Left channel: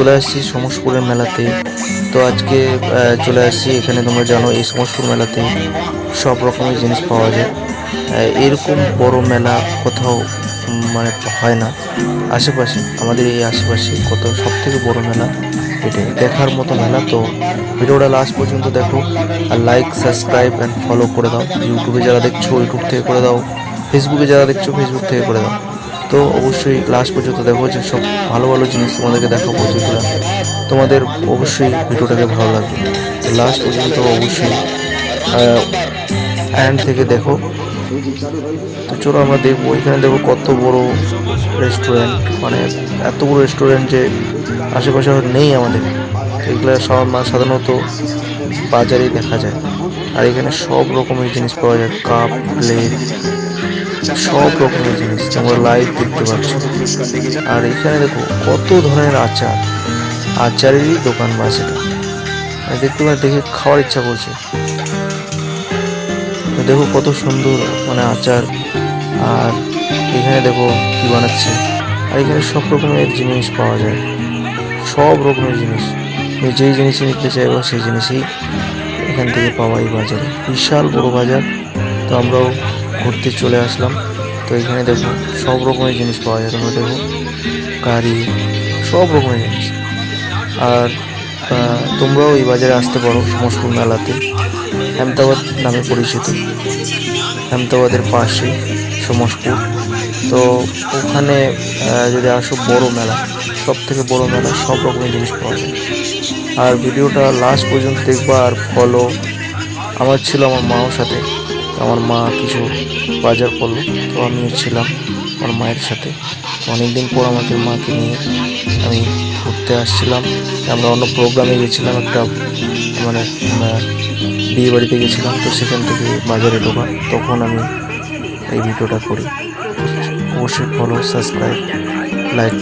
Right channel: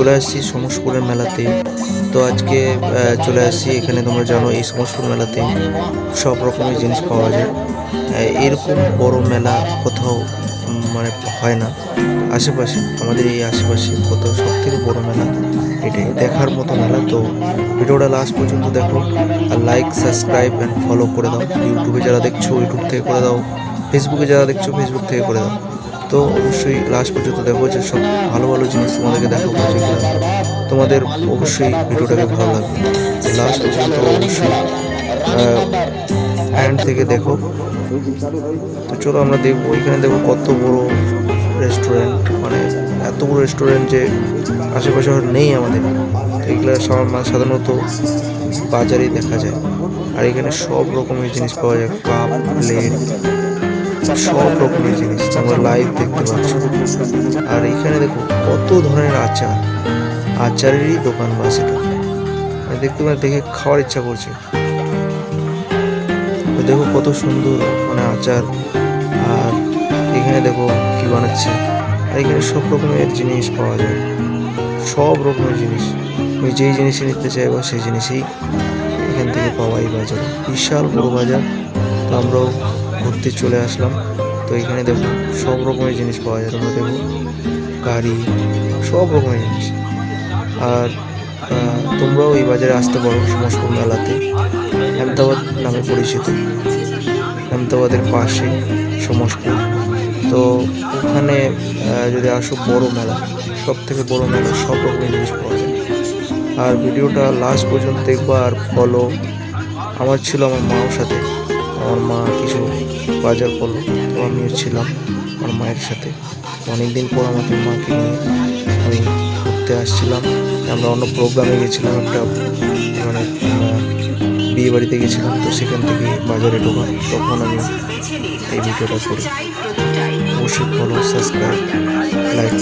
চলে আসছি সমসপুরের মেলাতে। তো আজকে চলে আসছি এখানে তোমরা জানো এই সমসপুর মেলাতে সব রকমের জিনিস পাওয়া যায়। এরকম বড় মেলা কোথাও মানে হয় না। আশেপাশে, আমাদের এই আশেপাশে কোথাও সব থেকে বড় মেলা, এটাই। দেখার মতো মেলা। তো ভিডিওটা লাস্ট পর্যন্ত দেখো আর লাইক সাবস্ক্রাইব অ্যান্ড ফলো করে দাও। ইউটিউবে যারা দেখছ ইউটিউব থেকে করে দাও। ফেসবুকে যারা দেখছ ফেসবুক থেকে করে দাও। তো অবশ্যই লাস্ট পর্যন্ত দেখো যে সব ভালো ভালো জিনিস তোমাদেরকে দেখাবো যেগুলো তোমাদের অবশ্যই ভিডিওটাকে ভালো লাগবে। লাস্ট পর্যন্ত অবশ্যই হ্যান্ড থেকে দেখো। তো চলো আমরা দেখব, এখানে দেখো কত বড় রেস্টুরেন্ট মানে এত বড় রেস্টুরেন্ট যে আশেপাশে নেই আমাদের। এগুলো সব সাধারণত বাজারেই দেখা যায়। আর এখানে সব রকমের জিনিস পাওয়া যায় কাপ প্লেট সব রকমের জিনিস। লাইভ দেখতে পাচ্ছ। আর এখানে দেখো কত ধরনের আচার। আচারেরই দোকান বাস দেখতে পাচ্ছি, দেখে খাওয়ার ইচ্ছা করছে। দেখো কত সুন্দর মানে আচার। আর এখানে দেখো কি বানাচ্ছে। আর এখানে সব রকমের জিনিস পাওয়া যায়। সব রকমের জিনিস। তুমি যেই জিনিসই নিতে চাইবা, সেই জিনিসই এখান থেকে পাওয়া এই বাজারে। বিশাল বড় বাজার। তো আমরাও ঘুরতে চলে আসলাম। তো এখানে দেখো সব রকমের জিনিস পাওয়া যায়। তোমরা দেখো গাড়ি, সব রকমের জিনিস। আর তোমরাও এই বাজারে আসতে পারো সমস্ত মেলাতে। আহমেদাবাদ নামে পরিচিত। আহমেদাবাদের পাশে সমস্ত। তো ওখানে যদি আসো বড় মেলা সব থেকে বড় মেলা, সব রকমের জিনিস পাওয়া যায়। আর ভিডিওটা লাস্ট পর্যন্ত দেখবা আর ফলো আমার ছিল আমার মাও সাথে। আমার মা কিছু বাজার করল। তো আমিও ছিলাম আমার মায়ের সাথে। অনেকদিন পর আমাদের মাকে নিয়ে আমি ঘুরতে আসছিলাম। আমরা অন্য প্রোগ্রামে গেছিলাম, একটা মানে বিয়ে বাড়িতে গেছিলাম। তো সেখান থেকে বাজারে ঢোকা তখন আমি এই ভিডিওটা করি। অবশ্যই ফলো সাবস্ক্রাইব লাইক